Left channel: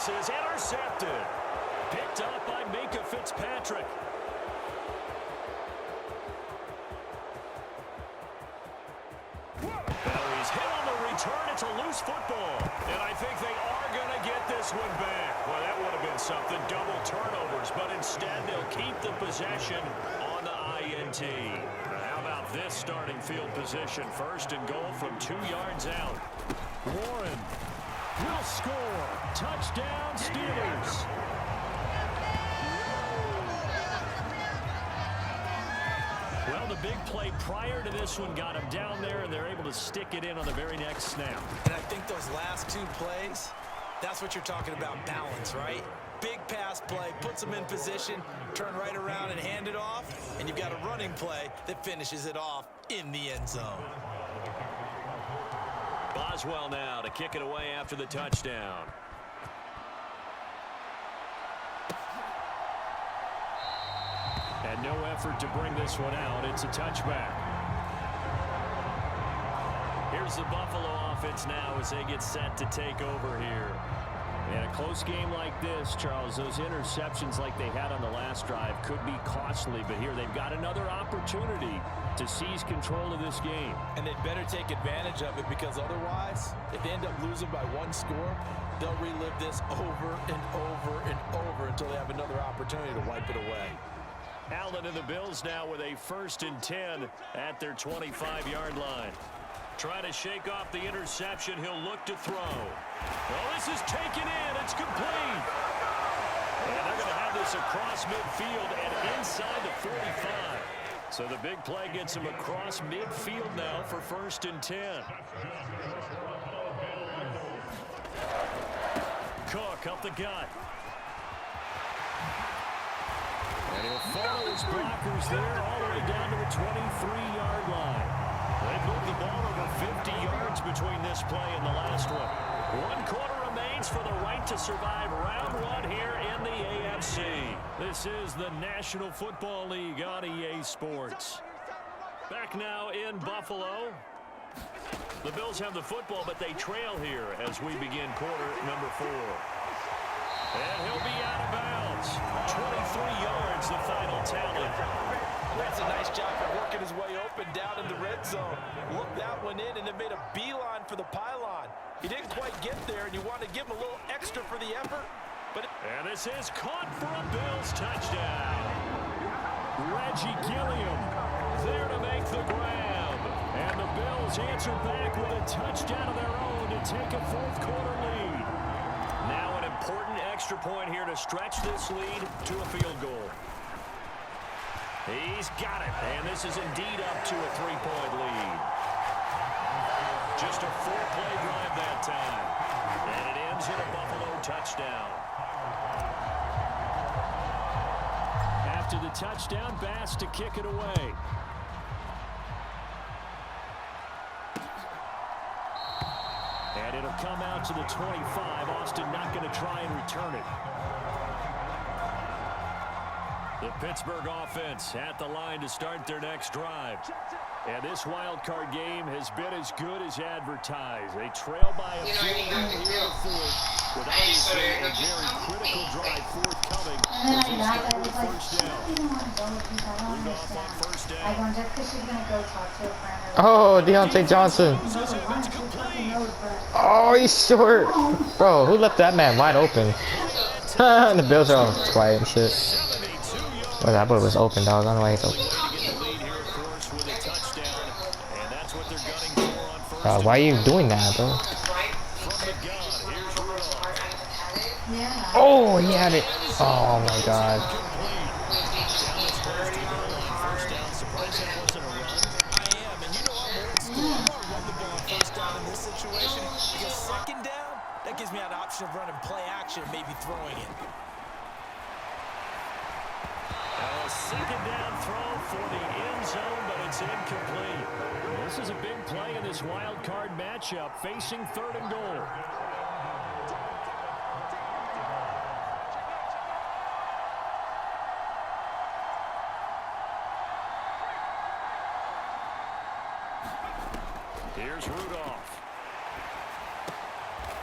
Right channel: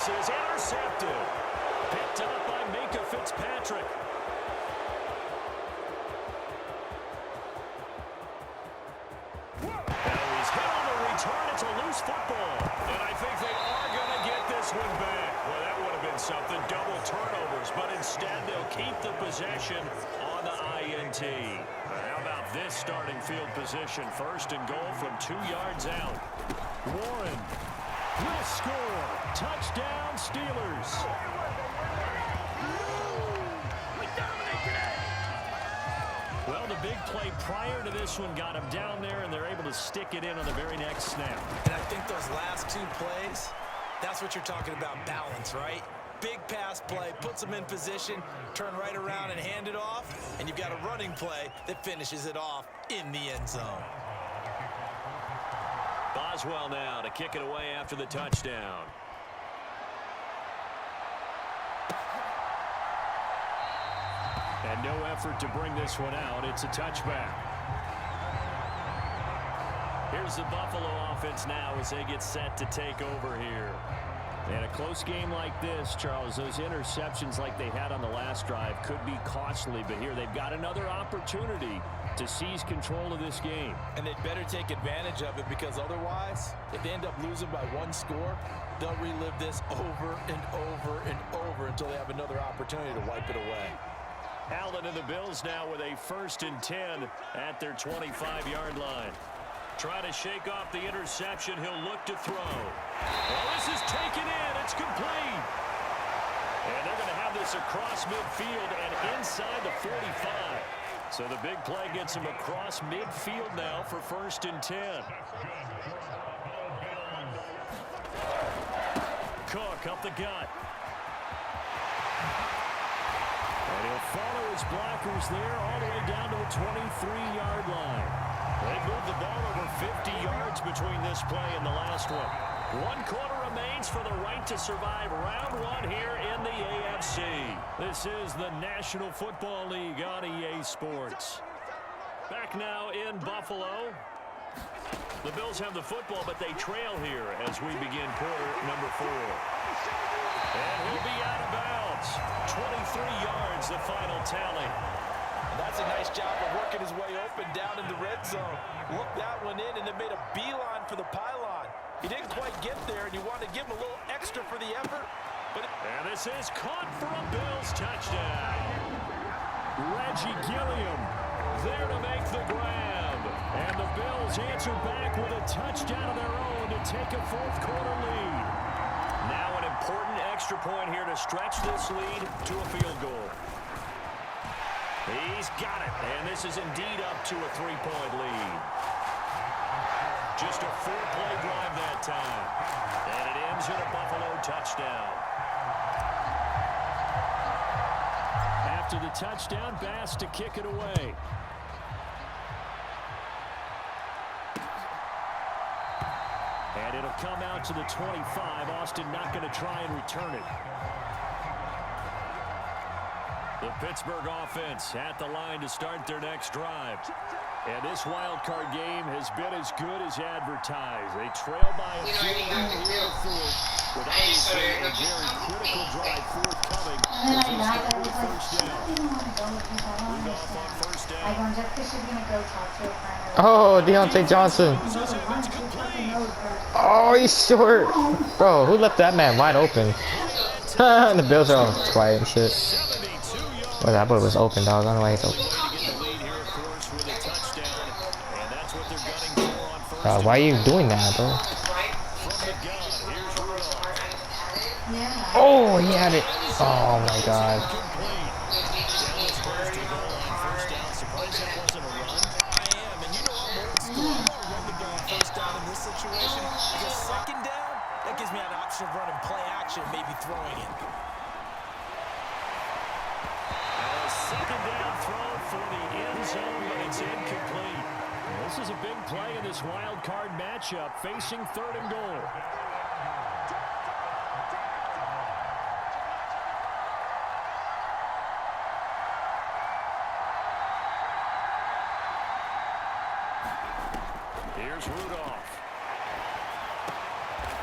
Is intercepted. Picked up by Minka Fitzpatrick. Now he's hit on the return. It's a loose football. And I think they are going to get this one back. Well, that would have been something. Double turnovers. But instead, they'll keep the possession on the INT. How about this starting field position? First and goal from 2 yards out. Warren will score. Touchdown, Steelers. Well, the big play prior to this one got him down there, and they're able to stick it in on the very next snap. And I think those last 2 plays, that's what you're talking about, balance, right? Big pass play, puts them in position, turn right around and hand it off, and you've got a running play that finishes it off in the end zone. Boswell now to kick it away after the touchdown. And no effort to bring this one out. It's a touchback. Here's the Buffalo offense now as they get set to take over here. In a close game like this, Charles, those interceptions like they had on the last drive could be costly. But here they've got another opportunity to seize control of this game. And they'd better take advantage of it, because otherwise, if they end up losing by 1 score, they'll relive this over and over and over until they have another opportunity to wipe it away. Allen and the Bills now with a 1st and 10 at their 25-yard line. Try to shake off the interception. He'll look to throw. Well, this is taken in. It's complete. And they're going to have this across midfield and inside the 45. So the big play gets him across midfield now for 1st and 10. Cook up the gut. And he'll follow his blockers there all the way down to the 23-yard line. They've moved the ball over 50 yards between this play and the last one. 1 quarter remains for the right to survive round 1 here in the AFC. This is the National Football League on EA Sports. Back now in Buffalo. The Bills have the football, but they trail here as we begin quarter number 4. And he'll be out of bounds. 23 yards, the final tally. And that's a nice job of working his way open down in the red zone. Looked that one in and then made a beeline for the pylon. He didn't quite get there, and you want to give him a little extra for the effort. And this is caught for a Bills touchdown. Reggie Gilliam there to make the grab. And the Bills answer back with a touchdown of their own to take a 4th quarter lead. Now an important extra point here to stretch this lead to a field goal. He's got it, and this is indeed up to a 3-point lead. Just a 4-play drive that time. And it ends in a Buffalo touchdown. After the touchdown, Bass to kick it away. And it'll come out to the 25. Austin not going to try and return it. The Pittsburgh offense at the line to start their next drive. And this wild card game has been as good as advertised. They trail by a field goal here in the 4th, with obviously a very critical drive forthcoming. First down. Rudolph on first down. Oh, Deontay Johnson. Oh, he's short. Bro, who left that man wide open? The Bills are all quiet and shit. Well, that boy was open, dog. I don't know why he's open. Why are you doing that, bro? Oh, he had it. Oh, my God. That gives me an option of running play action, maybe throwing it. Now a 2nd down throw for the end zone, but it's incomplete. This is a big play in this wild card matchup, facing 3rd and goal. Here's Rudolph.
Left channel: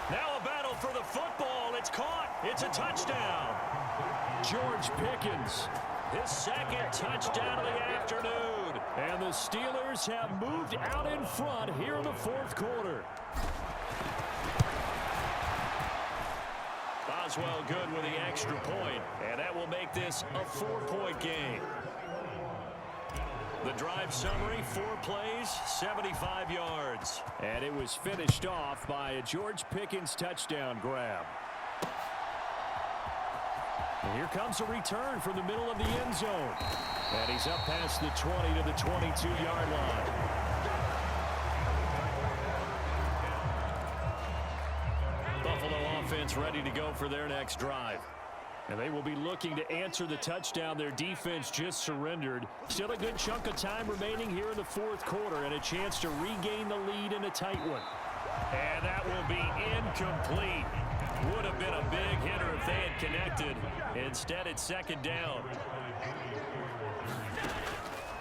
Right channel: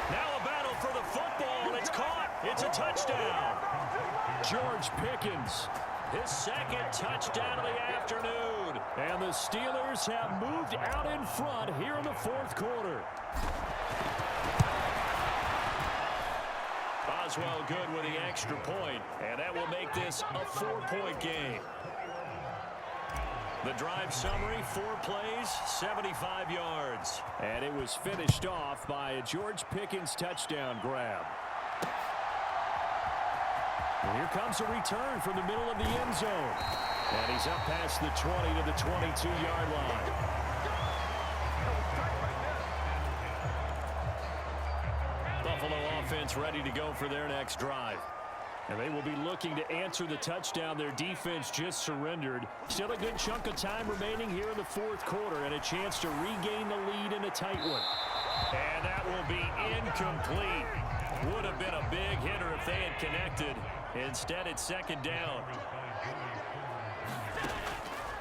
Now a battle for the football. It's caught. It's a touchdown. George Pickens, his second touchdown of the afternoon. And the Steelers have moved out in front here in the fourth quarter. Boswell good with the extra point, and that will make this a 4-point game. The drive summary, 4 plays, 75 yards. And it was finished off by a George Pickens touchdown grab. And here comes a return from the middle of the end zone. And he's up past the 20 to the 22-yard line. Buffalo offense ready to go for their next drive. And they will be looking to answer the touchdown their defense just surrendered. Still a good chunk of time remaining here in the fourth quarter and a chance to regain the lead in a tight one. And that will be incomplete. Would have been a big hitter if they had connected. Instead, it's second down.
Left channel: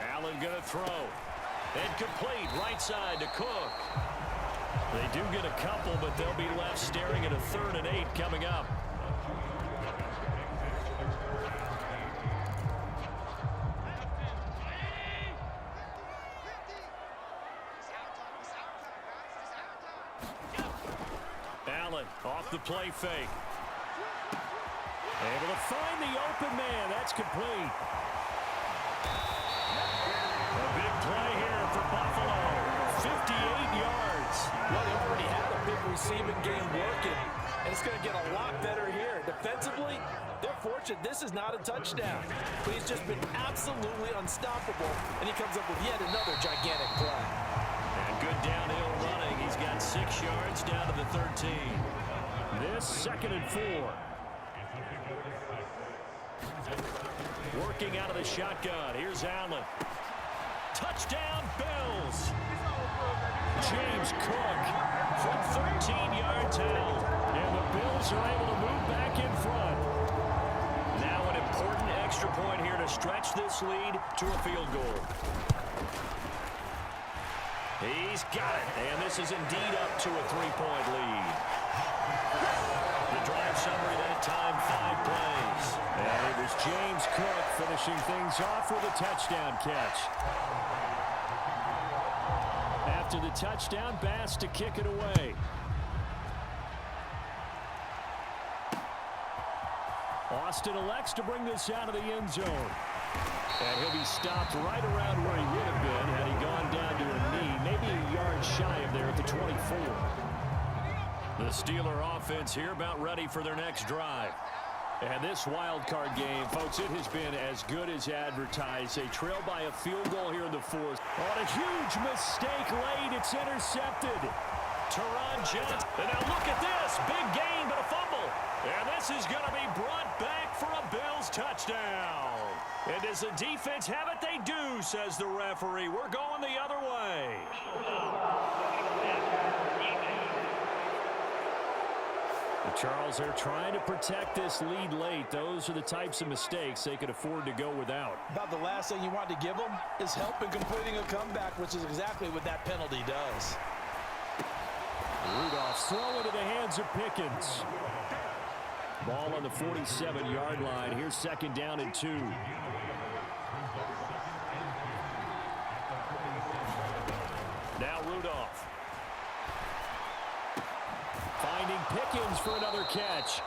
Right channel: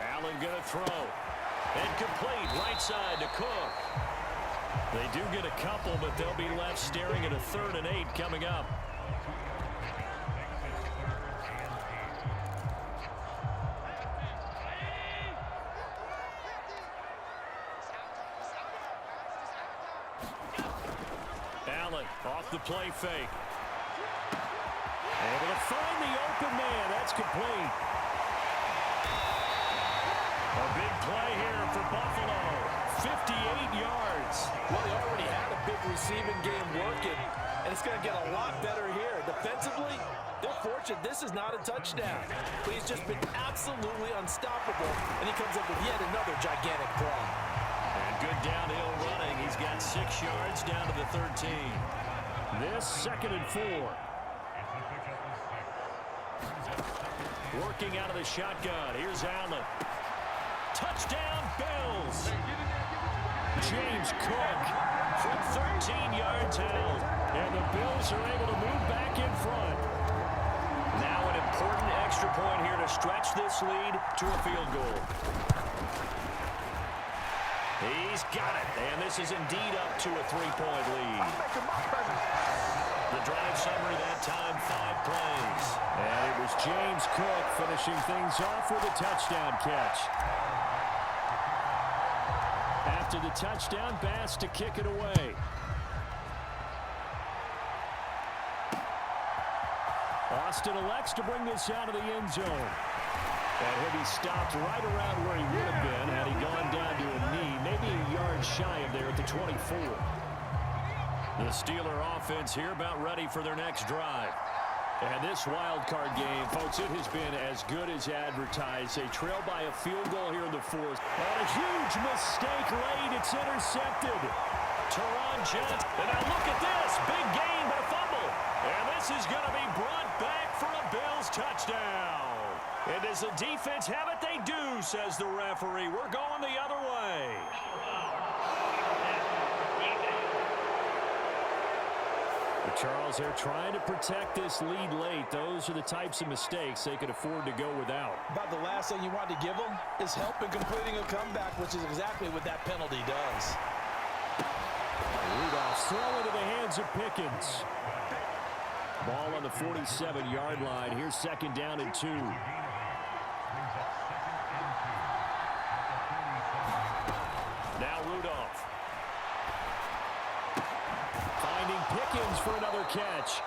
Allen going to throw. Incomplete, right side to Cook. They do get a couple, but they'll be left staring at a 3rd and 8 coming up. Allen off the play fake. Able to find the open man. That's complete. A big play here for Buffalo. 58 yards. Well, he already had a big receiving game working, and it's going to get a lot better here. Defensively, they're fortunate this is not a touchdown. But he's just been absolutely unstoppable, and he comes up with yet another gigantic play. And good downhill running. He's got 6 yards down to the 13. This 2nd and 4. Working out of the shotgun. Here's Allen. Touchdown, Bills. James Cook from 13 yards out. And the Bills are able to move back in front. Now an important extra point here to stretch this lead to a field goal. He's got it, and this is indeed up to a 3-point lead. The drive summary that time, 5 plays. And it was James Cook finishing things off with a touchdown catch. After the touchdown, Bass to kick it away. Austin elects to bring this out of the end zone. And he'll be stopped right around where he would have been had he gone down to a knee, maybe a yard shy of there at the 24. The Steeler offense here about ready for their next drive. And this wild card game, folks, it has been as good as advertised. They trail by a field goal here in the fourth. On a huge mistake late, it's intercepted. Teron Johnson. And now look at this. Big gain, but a fumble. And this is going to be brought back for a Bills touchdown. And does the defense have it? They do, says the referee. We're going the other way. Charles, they're trying to protect this lead late. Those are the types of mistakes they could afford to go without. About the last thing you want to give them is help in completing a comeback, which is exactly what that penalty does. Rudolph throw into the hands of Pickens. Ball on the 47-yard line. Here's 2nd down and 2. Now Rudolph. Finding Pickens for another catch.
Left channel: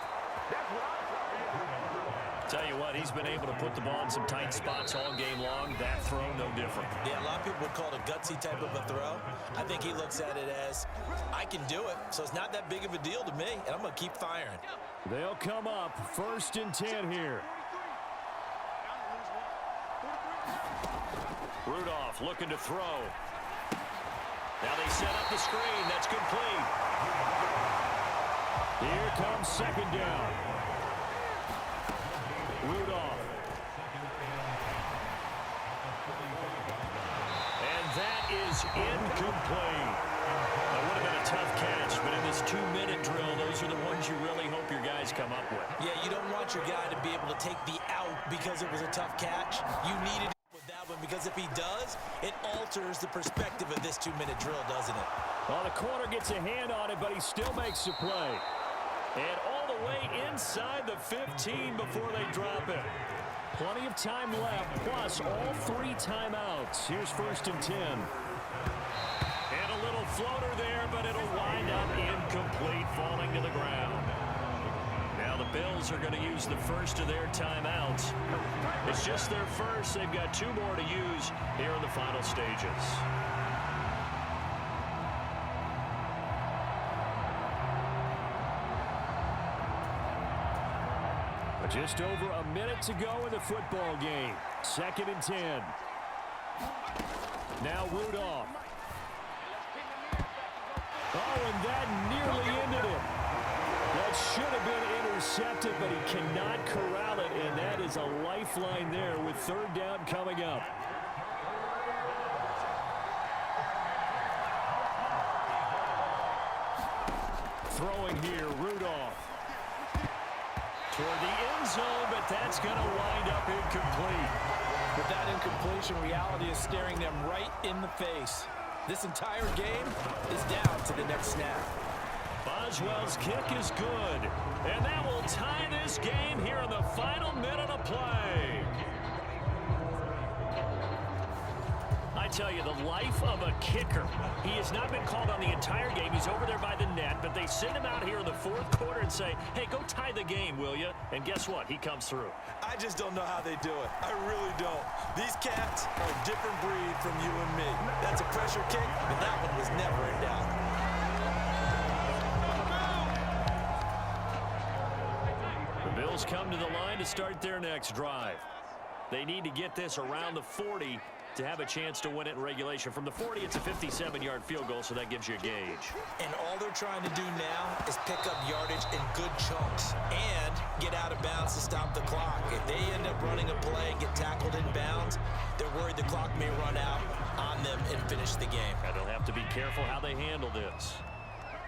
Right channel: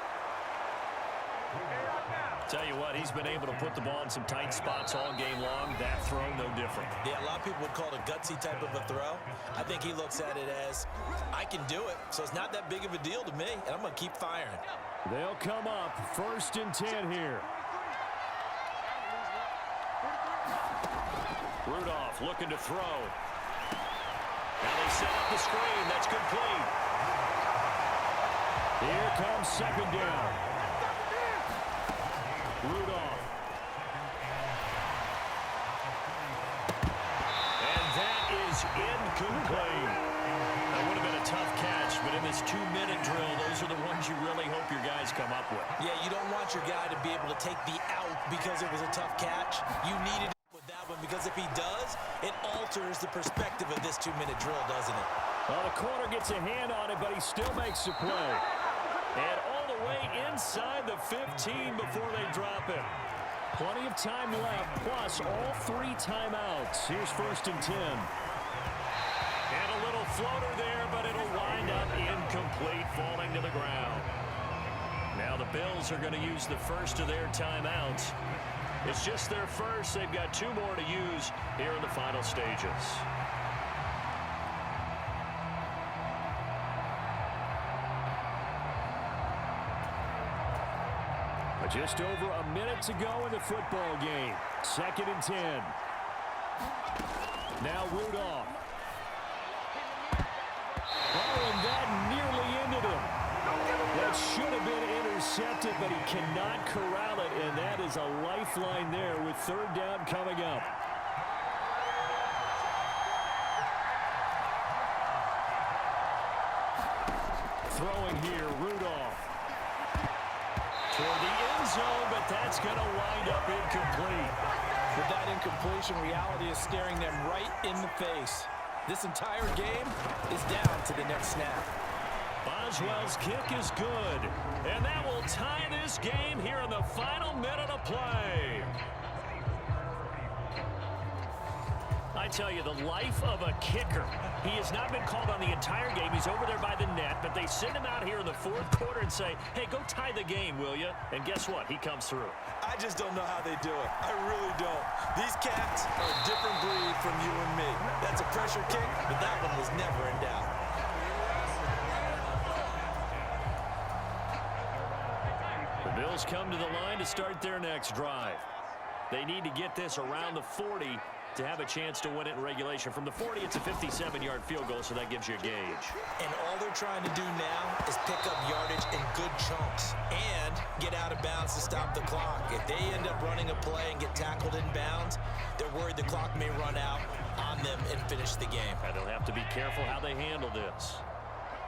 Tell you what, he's been able to put the ball in some tight spots all game long. That throw, no different. Yeah, a lot of people would call it a gutsy type of a throw. I think he looks at it as, I can do it, so it's not that big of a deal to me, and I'm going to keep firing. They'll come up 1st and 10 here. Rudolph looking to throw. Now they set up the screen. That's complete. Here comes 2nd down. Rudolph. And that is incomplete. That would have been a tough catch, but in this 2-minute drill, those are the ones you really hope your guys come up with. Yeah, you don't want your guy to be able to take the out because it was a tough catch. You needed with that one because if he does, it alters the perspective of this 2-minute drill, doesn't it? Well, the corner gets a hand on it, but he still makes the play. And all the way inside the 15 before they drop it. Plenty of time left, plus all 3 timeouts. Here's 1st and 10. And a little floater there, but it'll wind up incomplete, falling to the ground. Now the Bills are going to use the first of their timeouts. It's just their first. They've got 2 more to use here in the final stages. But just over a minute to go in the football game. 2nd and 10. Now Rudolph. Oh, and that nearly ended him. That should have been intercepted, but he cannot corral it, and that is a lifeline there with 3rd down coming up. Throwing here, Rudolph. Toward the end zone, but that's going to wind up incomplete. With that incompletion, reality is staring them right in the face. This entire game is down to the next snap. Boswell's kick is good, and that will tie this game here in the final minute of play. I tell you, the life of a kicker. He has not been called on the entire game. He's over there by the net, but they send him out here in the 4th quarter and say, hey, go tie the game, will you? And guess what? He comes through. I just don't know how they do it. I really don't. These cats are a different breed from you and me. That's a pressure kick, but that one was never in doubt. The Bills come to the line to start their next drive. They need to get this around the 40 to have a chance to win it in regulation. From the 40, it's a 57-yard field goal, so that gives you a gauge. And all they're trying to do now is pick up yardage in good chunks and get out of bounds to stop the clock. If they end up running a play and get tackled in bounds, they're worried the clock may run out on them and finish the game. And they'll have to be careful how they handle this.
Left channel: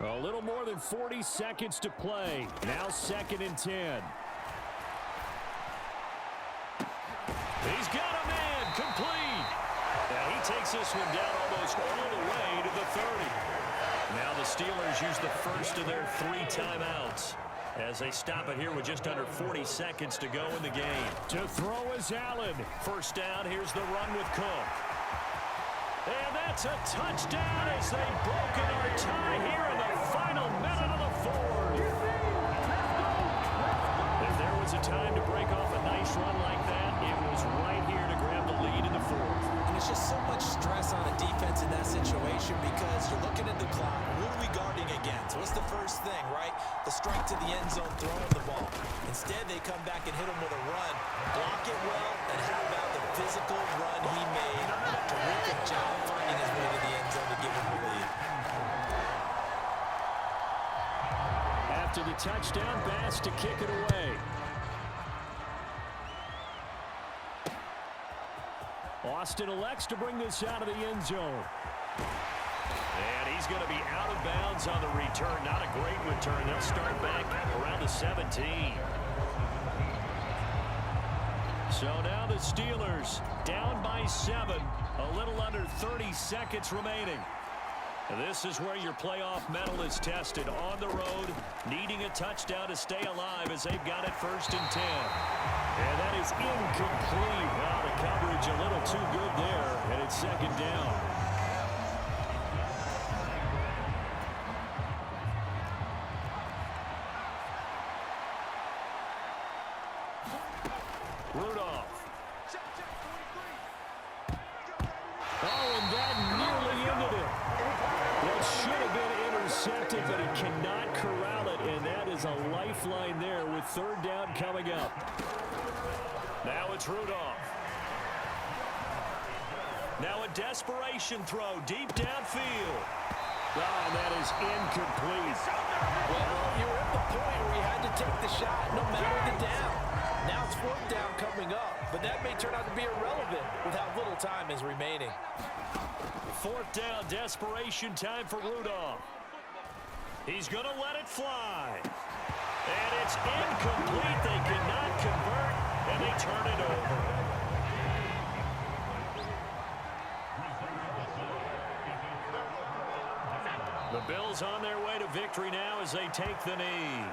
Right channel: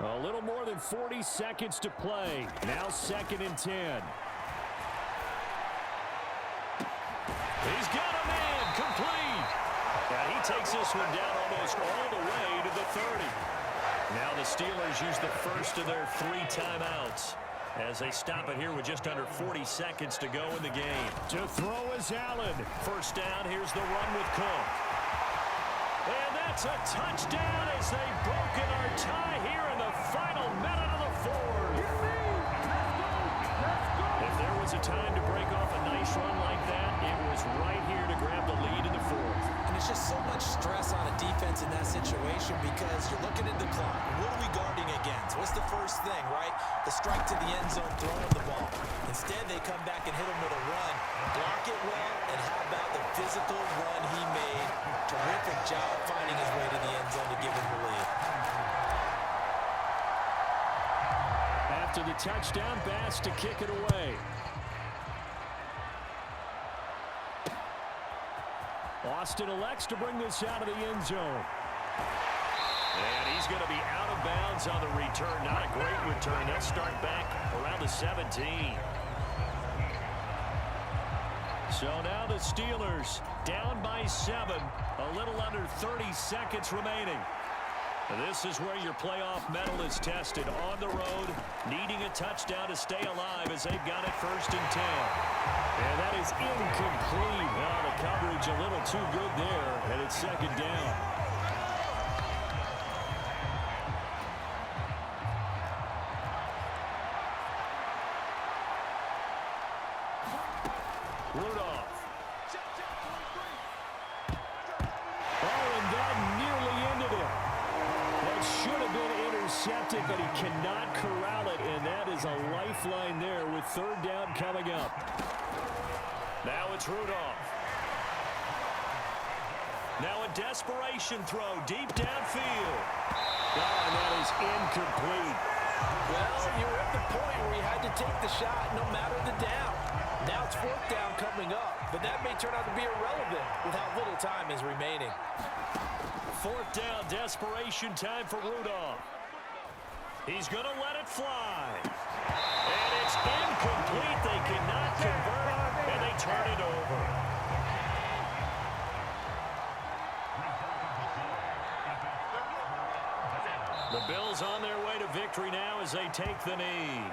A little more than 40 seconds to play. Now 2nd and 10. He's got a man, complete. And he takes this one down almost all the way to the 30. Now the Steelers use the first of their 3 timeouts as they stop it here with just under 40 seconds to go in the game. To throw is Allen. 1st down, here's the run with Cook. And that's a touchdown as they've broken our tie here in the final minute of the 4th. If there was a time to break off a nice run like that, it was right here to grab the lead in the 4th. And it's just so much stress on a defense in that situation because you're looking at the clock. What are we guarding against? What's the first thing, right? The strike to the end zone, throwing the ball. Instead, they come back and hit him with a run. Block it well, and how about the physical run he made? Terrific job finding his way to the end zone to give him the lead. After the touchdown, Bass to kick it away. Austin elects to bring this out of the end zone. And he's going to be out of bounds on the return. Not a great return. They'll start back around the 17. So now the Steelers down by 7. A little under 30 seconds remaining. This is where your playoff medal is tested on the road, needing a touchdown to stay alive as they've got it 1st and 10. And that is incomplete. Now the coverage a little too good there, and it's 2nd down. Rudolph. Oh, and that nearly ended it. That should have been intercepted, but he cannot corral it, and that is a lifeline there with 3rd down coming up. Now it's Rudolph. Now a desperation throw deep downfield. Oh, and that is incomplete. Well, you were at the point where you had to take the shot no matter the down. Now it's 4th down coming up, but that may turn out to be irrelevant with how little time is remaining. 4th down, desperation time for Rudolph. He's going to let it fly. And it's incomplete. They cannot convert, and they turn it over. The Bills on their way to victory now as they take the knee.